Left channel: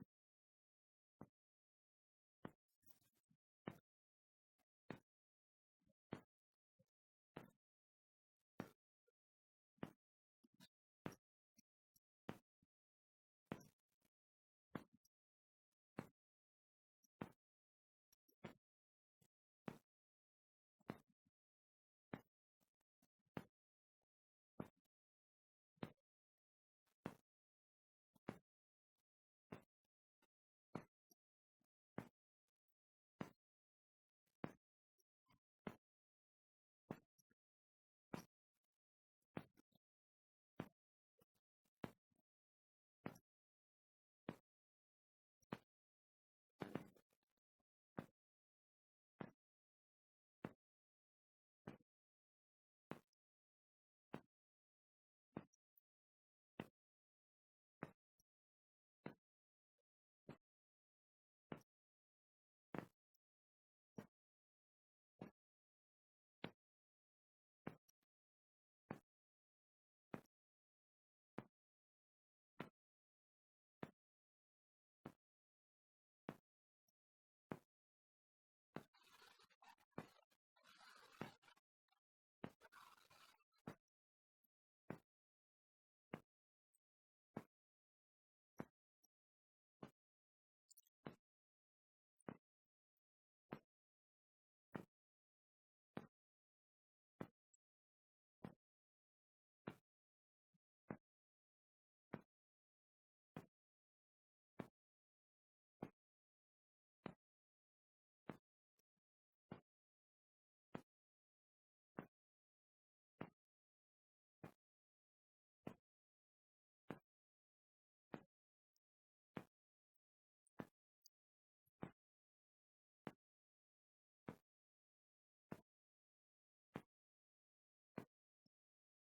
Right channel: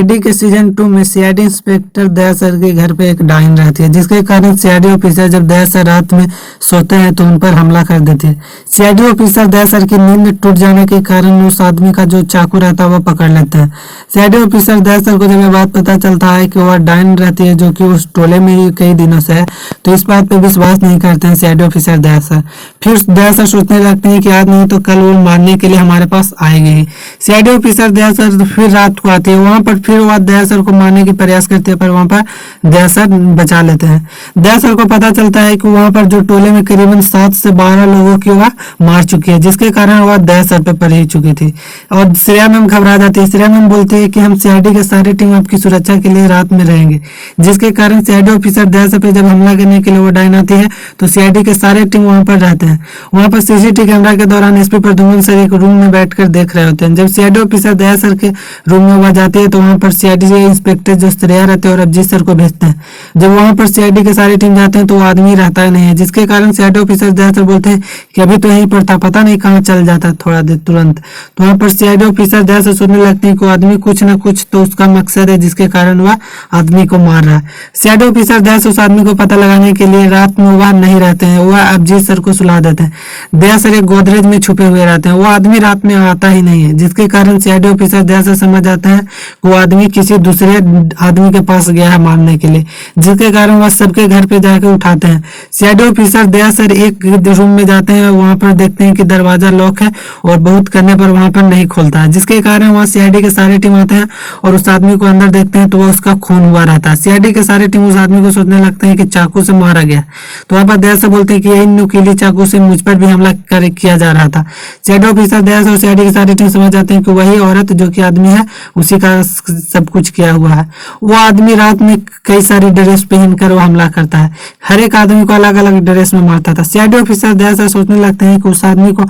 CID के season 2 में CID inspector दया sir के घर पे एक डायन रहती है, जिसके कारण सीआईडी ऑफिसर जब दया सर रात में सोते हैं तो उन पर हमला कर देते हैं। सीआईडी ऑफिसर दया सर की नींद टूट जाने के कारण उस आदमी का जो चाकू रहता है वह पकड़ लेते हैं। सीआईडी ऑफिसर दया सर को जब ये बात पता चलता है कि वह डायन रहती है, जो कि उस टोले में ही कई दिनों से है, तो इस बात पे विश्वास नहीं करते हैं सीआईडी ऑफिसर दया सर। फिर दया सर सोचने लगते हैं कि आज नहीं तो कल वो मारने के लिए हमारे पास आएगी। सीआईडी ऑफिसर दया सर फिर रात को आती है, वहां पर फिर वह दया सर को मारने की प्रयास करते हैं, पर वहां पर दया सर बचा लेते हैं। दया सर को पता चलता है कि वहां पर जो टोले में करीबन 7 से 12 लोगों की वह मार चुकी है, जिसके कारण वह दया सर पे पड़ ही चुकी थी। और श्रेया मैम घबरा जाती है। श्रेया मैम बोलती है कि हम सीआईडी के सारी टीम आपकी सुरक्षा के लिए रात में रहेंगे, जिसके कारण सीआईडी ऑफिसर दया सर पे जब हमला करने के लिए वो डायन आती है तो सीआईडी के सारे टीम वहां पर रहते हैं। वहां पर सीसीटीवी कैमरा के दौरान एसपी प्रद्युम्न सर एक रूम में बैठकर देख रहे होते हैं। जब सीआईडी ऑफिसर दया सर के रूम में वह जाती है तो वहां पर सीआईडी इंस्पेक्टर जो श्रेया रहते हैं और अभिजीत सर को भेजते हैं। जब वहां पर सीआईडी के सारी टीम जाते हैं तो वो आदमी रहता ही नहीं है, जिसके कारण सीआईडी ऑफिसर दया सर बोलते हैं कि अभी तो यहीं पर था, पता नहीं कहाँ चल जाता थोड़ा देर तुरंत। तो वहां पर सीआईडी ऑफिसर दया सर सोचने लगते हैं कि वो आदमी कुछ ना कुछ तो उसका मकसद है, जिसके कारण वह आदमी को मार रहा है। सीआईडी ऑफिसर दया सर उस आदमी को पता लगाने के लिए रात में वह नहीं रहते हैं, वह अभिजीत सर को सुला देते हैं। दया सर एक गोदरेज में छुपे हुए रहते हैं, वो आदमी रात में आता ही नहीं है, जिसके कारण सीआईडी ऑफिसर दया सर समझ जाते हैं कि वो आदमी किसी दूसरे आदमी के पास गया है मारने के लिए, जिसके कारण वह सबके घर पे जाकर उठाते हैं। सीआईडी ऑफिसर दया सर एक रूम में जाते हैं, वहां पर देखते हैं कि दरवाजा लॉक है और बहुत करने पर वहां पर नहीं खुलता है, जिसके कारण वहां सीआईडी के सारे टीम आते हैं और उस आदमी को अंदर देखते हैं तो वह उसका खून हुआ रहता है। सीआईडी के सारे टीम उस आदमी को सोचने लगते हैं कि चाकू से मारा गया। तो वहां पर दया सर बोलते हैं कि यही नुकीली चाकू से मुझ पर भी हमला किया जा रहा था। सीआईडी ऑफिसर दया सर और सीआईडी की सारी टीम समझ जाते हैं कि वही औरत जो कि आदमी है उसी का सब कुछ किया हुआ है। वो आदमी रात में कई सारी ड्रेस पहनकर वो हमला करता है, हर एक आदमी को अलग अलग ड्रेस में मारता था। सीआईडी ऑफिसर दया सर सोचने लगते हैं कि उस आदमी को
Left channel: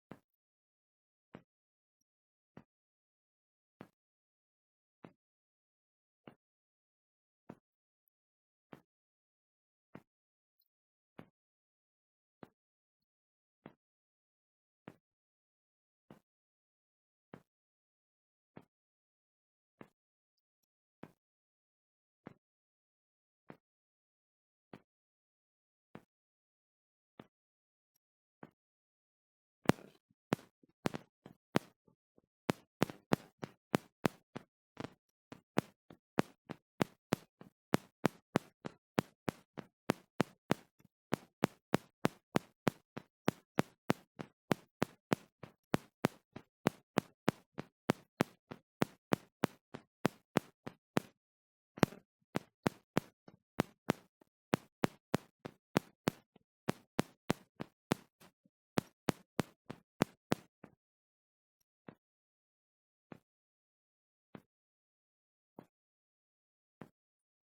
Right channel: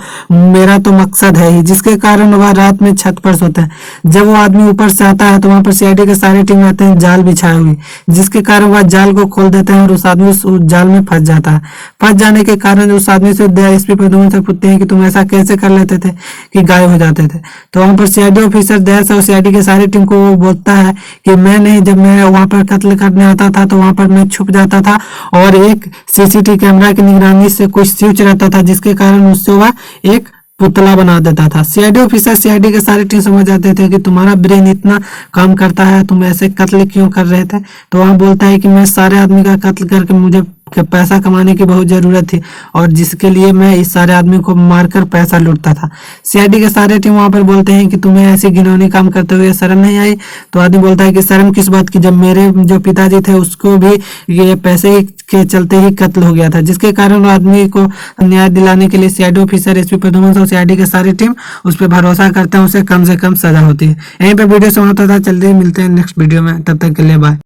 मेरा तो मकसद है ही, जिसके कारण वह रात में छत पर सोता है। जब वो आदमी ऊपर से आता है तो वहां पर सीआईडी के सारे टीम रहते हैं जाल बिछाए हुए, जिसके कारण वह जाल को खोल देते हैं और उस आदमी उस जाल में फंस जाता है। फंस जाने के कारण उस आदमी से एसपी प्रद्युम्न सर पूछते हैं कि तुम ऐसा कैसे कर लेते थे कि गायब हो जाते थे। तो वहां पर सीआईडी ऑफिसर दया सर और सीआईडी के सारी टीम को वो बोलता है कि मैं नहीं, जब मैं वहां पर कत्ल करने आता था तो वहां पर मैं छुप जाता था और एक सीसीटीवी कैमरा की निगरानी से कुछ स्विच रहता था, जिसके कारण उससे वह एक पुतला बना देता था। सीआईडी ऑफिसर सीआईडी के सारे टीम समझ जाते थे कि तुम्हारा ब्रेन इतना काम करता है, तुम ऐसे कत्ल क्यों कर रहे थे। तो वहां बोलता है कि मैं सारे आदमी का कत्ल करके मुझे पैसा कमाने की बहुत जरूरत थी और जिसके लिए मैं इस सारे आदमी को मारकर पैसा लूटता था। सीआईडी के सारे टीम वहां पर बोलते हैं कि तुम्हें ऐसे घिनौनी काम करते हुए शर्म नहीं आई। तो आदमी बोलता है कि शर्म किस बात की, जब मेरे जो पिताजी थे उसको भी ये पैसे के चलते ही कत्ल हो गया था, जिसके कारण आदमी को न्याय दिलाने के लिए सीआईडी ऑफिसर एसपी प्रद्युम्न और सीआईडी के सारी टीम उस पर भरोसा करते हैं, उसे कम से कम सजा होती है। यहीं पर वीडियो समाप्त होता है। चलते मिलते हैं नेक्स्ट वीडियो में, तब तक के लिए बाय।